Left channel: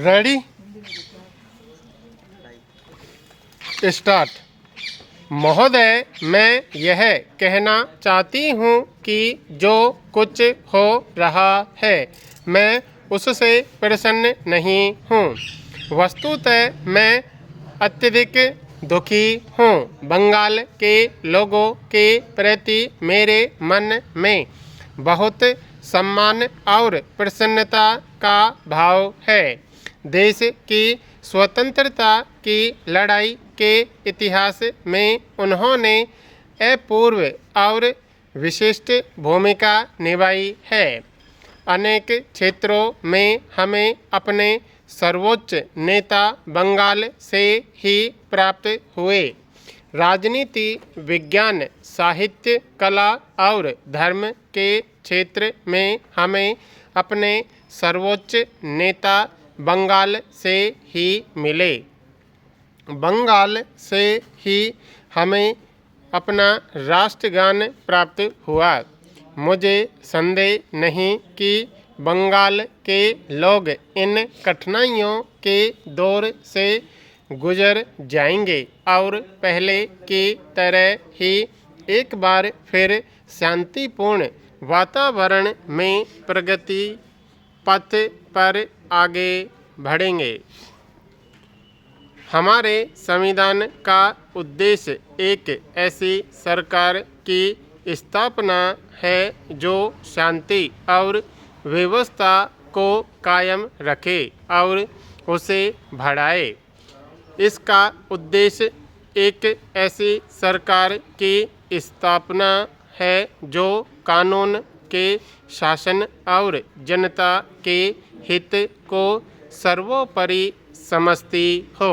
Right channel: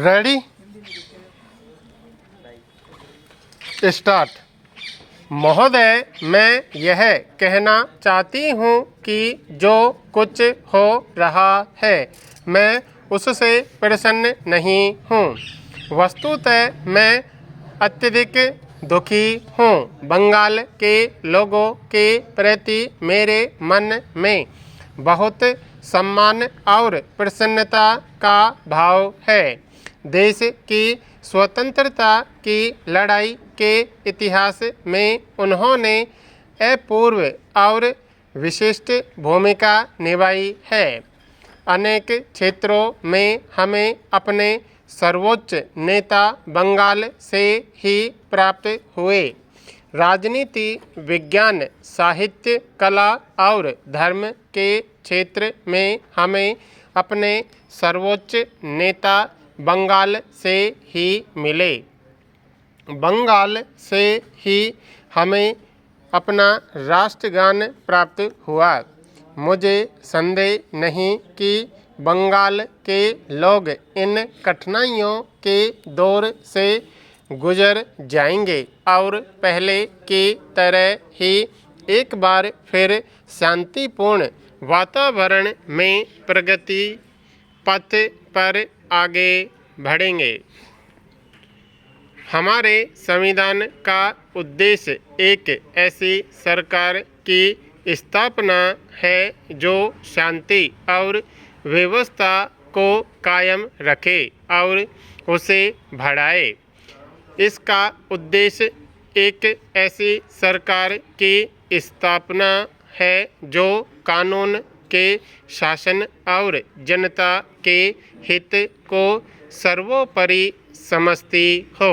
Ready start. महोदय, मैं यह कहना चाहती हूँ कि जो कुछ हो रहा है मैं उससे प्रसन्न नहीं हूँ। वस्तुतः मैं अत्यधिक दुखी हूँ। बंगाल के लोगों के प्रति मेरे मन में बहुत सम्मान और प्रसन्नता का भाव है। देश की स्वतंत्रता की लड़ाई के इतिहास में उन्होंने अपूर्व और विशिष्ट भूमिका निभाई है। अनेक क्षेत्रों में हमें अपने सर्वोच्च नेता बंगाल से ही प्राप्त हुए। राजनीति, विज्ञान, साहित्य, कला और धर्म के क्षेत्र में हमें अपने सर्वोच्च नेता बंगाल से ही मिले। बंगाल से ही हमें अपना राष्ट्रगान प्राप्त हुआ। मुझे संदेह नहीं कि बंगाल के लोग इन कठिनाइयों के दौर से गुजर जाएंगे और पहले की तरह ही एक बार फिर शांतिपूर्ण वातावरण में प्रगति पथ पर आगे बढ़ेंगे। हमारे संविधान का उद्देश्य एक ऐसी सरकार की स्थापना है जो शांति और व्यवस्था को कायम रखे और उसे बढ़ाए। इसका उद्देश्य एक ऐसी सरकार की स्थापना है जो कानून के शासन और जनता के हित को सर्वोपरि समझती हो।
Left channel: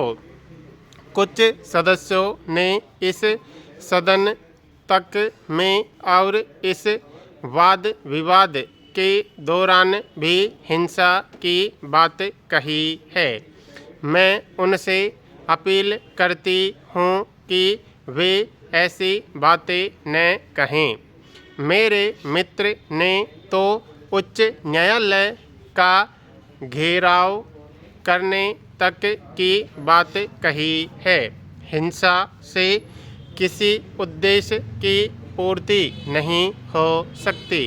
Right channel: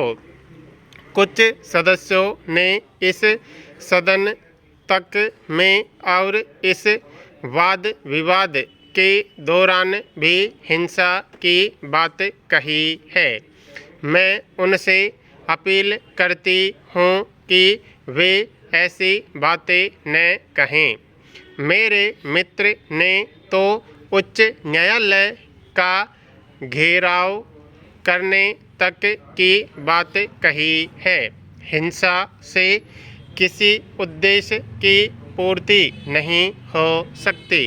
कुछ सदस्यों ने इस सदन तक में और इस वाद विवाद के दौरान भी हिंसा की बात कही है। मैं उनसे अपील करती हूँ कि वे ऐसी बातें न कहें। मेरे मित्र ने तो उच्च न्यायालय का घेराव करने तक की बात कही है। हिंसा से किसी उद्देश्य की पूर्ति नहीं हो सकती।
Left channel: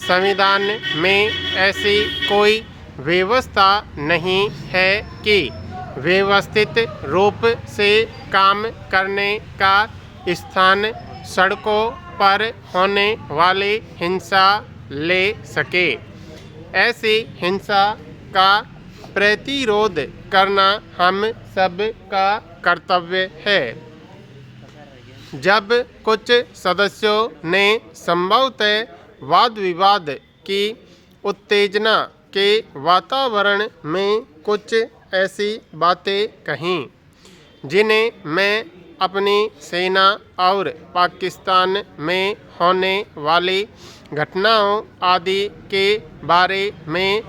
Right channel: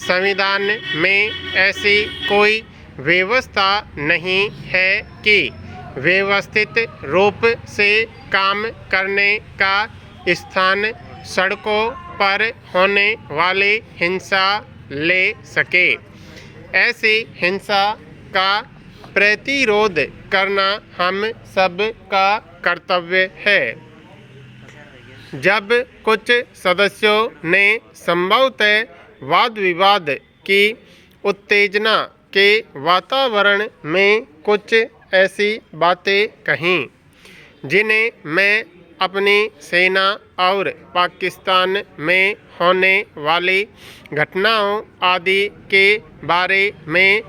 संविधान में ऐसी कोई व्यवस्था नहीं है कि व्यवस्थित रूप से काम करने का स्थान सड़कों पर होने वाली हिंसा ले सके। ऐसी हिंसा का प्रतिरोध करना हम सब का कर्तव्य है। जब कुछ सदस्यों ने संभवतः वाद विवाद की उत्तेजना के वातावरण में कुछ ऐसी बातें कहीं जिन्हें मैं अपनी सेना और पाकिस्तान में होने वाली घटनाओं आदि के बारे में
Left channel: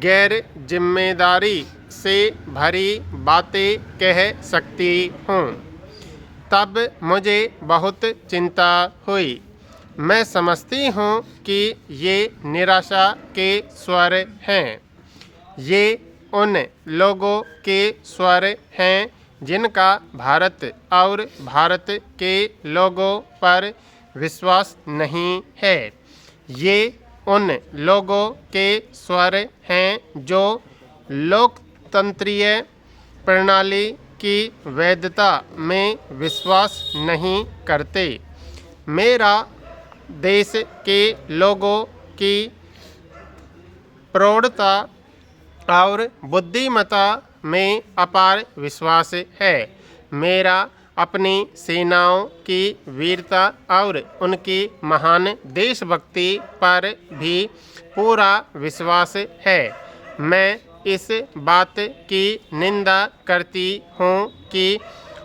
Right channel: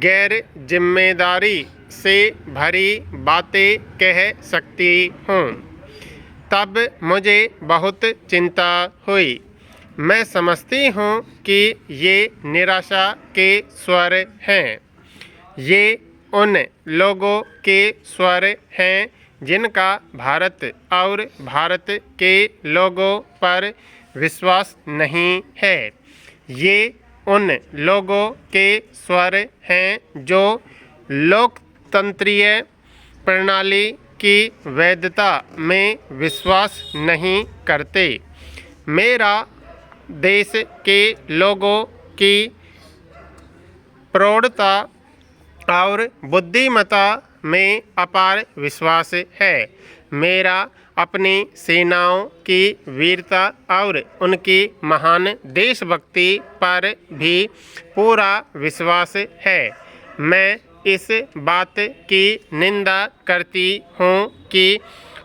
गैर जिम्मेदारी से भरी बातें कह सकती हूँ, तब मुझे बहुत चिंता हुई। मैं समझती हूँ कि ये निराशा के स्वर हैं। ये उन लोगों के स्वर हैं जिनका भारत और भारत के लोगों पर विश्वास नहीं है। ये उन लोगों के स्वर हैं जो लोकतंत्रीय प्रणाली की वैधता में विश्वास नहीं करते। मेरा देश के लोगों की प्रौढ़ता और बुद्धिमत्ता में अपार विश्वास है। मेरा अपनी सेनाओं की वीरता और उनकी महान देशभक्ति पर भी पूरा विश्वास है। मैं इस बात की निंदा करती हूँ कि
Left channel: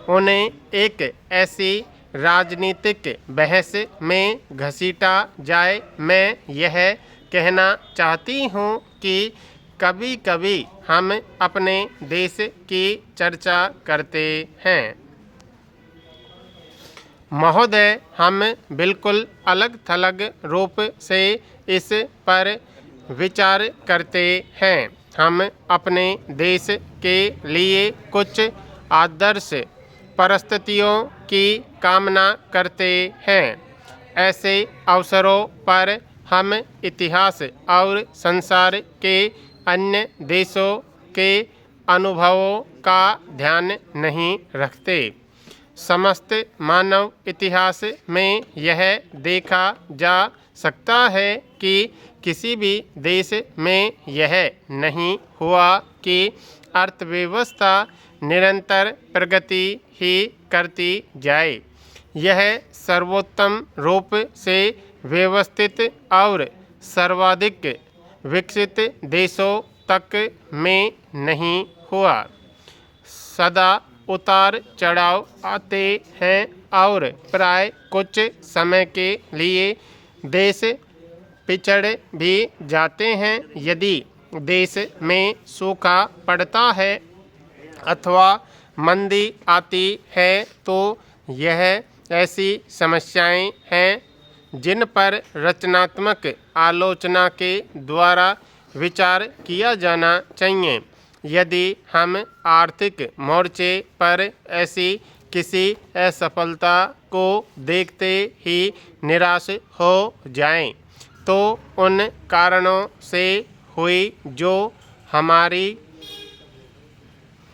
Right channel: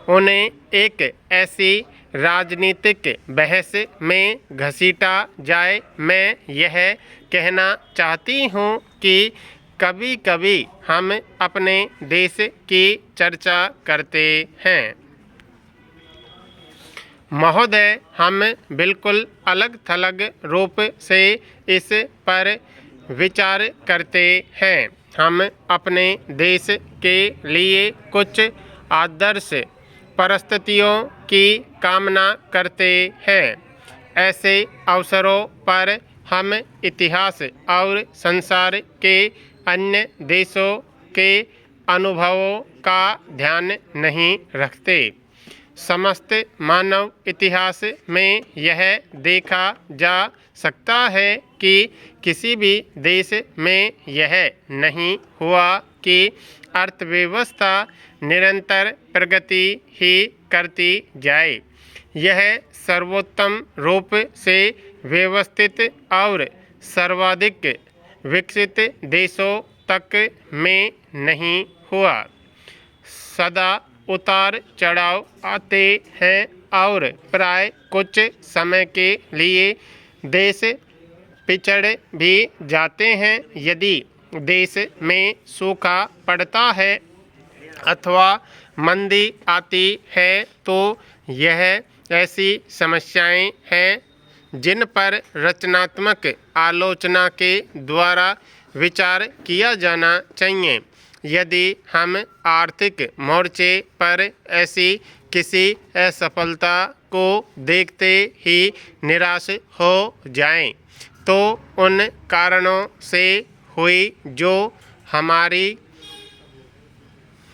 उन्हें एक ऐसी राजनीतिक बहस में घसीटा जाए। मैं यह कहना चाहती हूँ कि कभी कभी हम अपने देश की चर्चा करते हैं। महोदय, हम बिल्कुल अलग थलग रूप से इस पर विचार करते हैं। हम अपने देश के लिए कुछ आदर्श परिस्थितियों की कामना करते हैं। ऐसे अवसरों पर हम इतिहास और संसार के अन्य देशों के अनुभवों का ध्यान नहीं रखते। समस्त मानव इतिहास में यह देखा जा सकता है कि किसी भी देश में यह नहीं हुआ कि अर्थव्यवस्था निरंतर प्रगति ही करती जाए। यह सर्वोत्तम रूप से व्यवस्थित और सर्वाधिक विकसित देशों तक में नहीं हुआ। सदा उतार चढ़ाव आते हैं और प्राय कुछ समय के लिए देश पिछड़ भी जाते हैं। यदि देश में सूखा पड़ता है अथवा मंदी आती है तो यह ऐसी समस्याएं हैं जिन पर रचनात्मक आलोचना के द्वारा विचार किया जाना चाहिए। यदि हम आर्थिक मोर्चे पर ऐसी किसी असफलता को देखते ही निराश हो जाएं, तो उन कारणों से हुई जो हमारी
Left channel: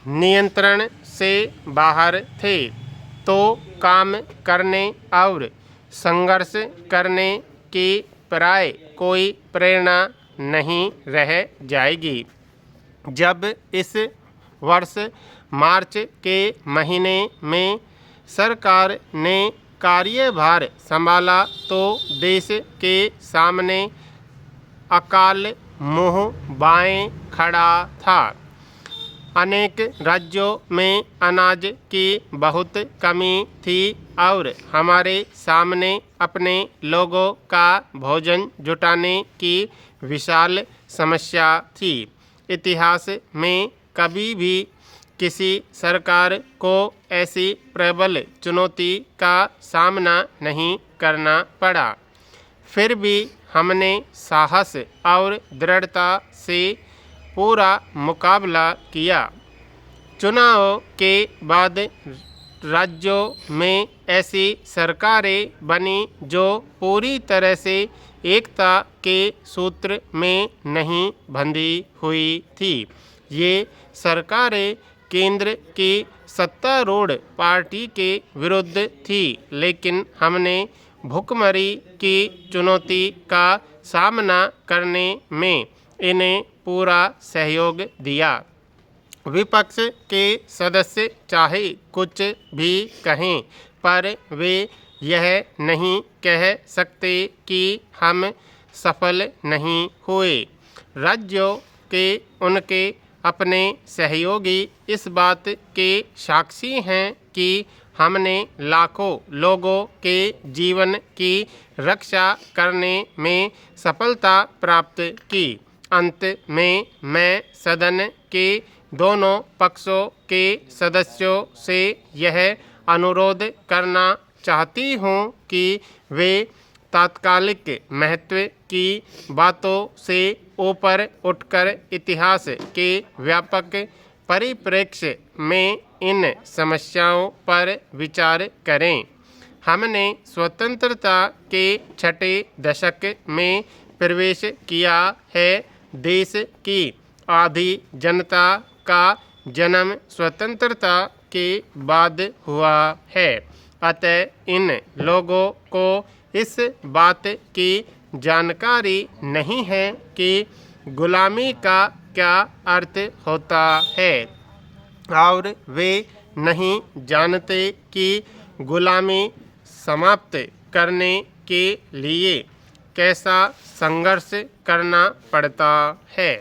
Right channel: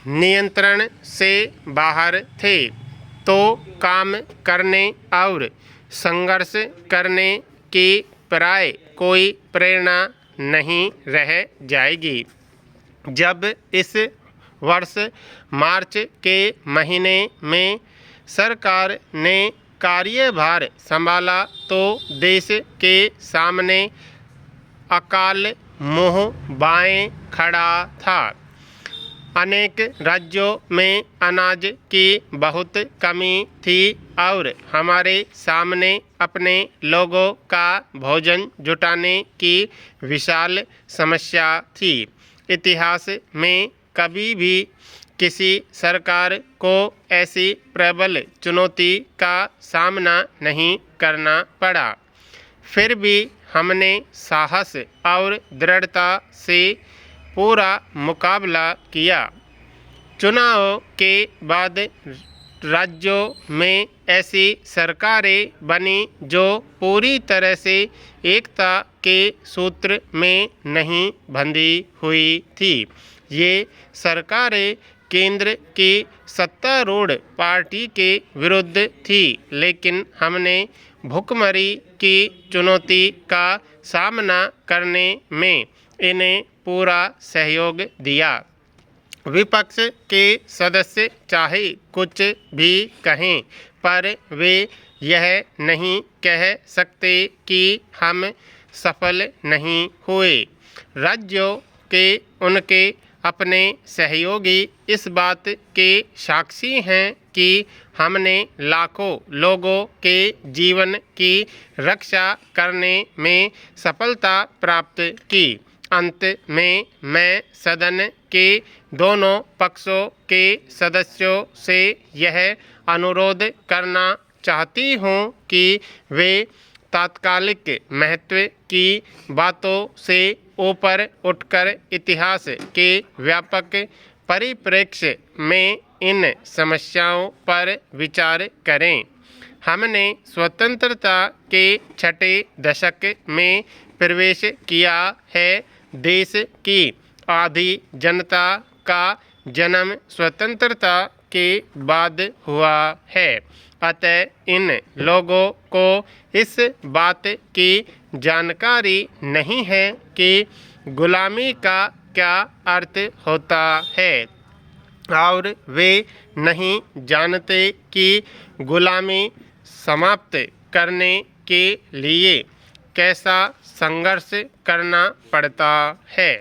नियंत्रण से बाहर थे, तो काम करने और संघर्ष करने की प्राय कोई प्रेरणा नहीं रह जाएगी। जब इस वर्ष मार्च के महीने में सरकार ने कार्यभार संभाला तो देश के सामने अकाल मुँह बाएं खड़ा था। अनेक राज्यों में अनाज की बहुत कमी थी और हमारे सामने अपने लोगों का भोजन जुटाने की विशाल समस्या थी। इतिहास में कभी भी किसी सरकार को ऐसी प्रबल चुनौती का सामना नहीं करना पड़ा। फिर भी हमने साहस और दृढ़ता से पूरा मुकाबला किया। चुनाव के बाद राज्यों में ऐसी सरकारें बनी जो पूरी तरह से एकता के सूत्र में नहीं बंधी हुई थी। ये सरकारें केंद्र की सत्तारूढ़ पार्टी के विरुद्ध थी, लेकिन हमने भुखमरी की चुनौती का सामना करने में इन्हें पूरा सहयोग दिया। विपक्ष के सदस्य चाहे कुछ भी कहें, पर वे यह नहीं कह सकते कि हम सफल नहीं हुए। राज्यों के उनके अपने सहयोगी इस बात के साक्षी हैं कि हमने लाखों लोगों के जीवन की रक्षा करने में सफलता प्राप्त की। अंत में मैं सदन के दोनों पक्षों के सदस्यों से यह अनुरोध करना चाहती हूँ कि वे तात्कालिक महत्व की बातों से ऊपर उठकर इतिहास के व्यापक परिप्रेक्ष्य में इन समस्याओं पर विचार करें। हमने स्वतंत्रता के छठे दशक में प्रवेश किया है। देश की आधी जनता का जन्म स्वतंत्रता के बाद हुआ है। अतः इन लोगों को इस बात की जानकारी नहीं है कि गुलामी का क्या अर्थ होता है और वे नहीं जानते कि गुलामी समाप्त करने के लिए कैसा संघर्ष करना पड़ता है।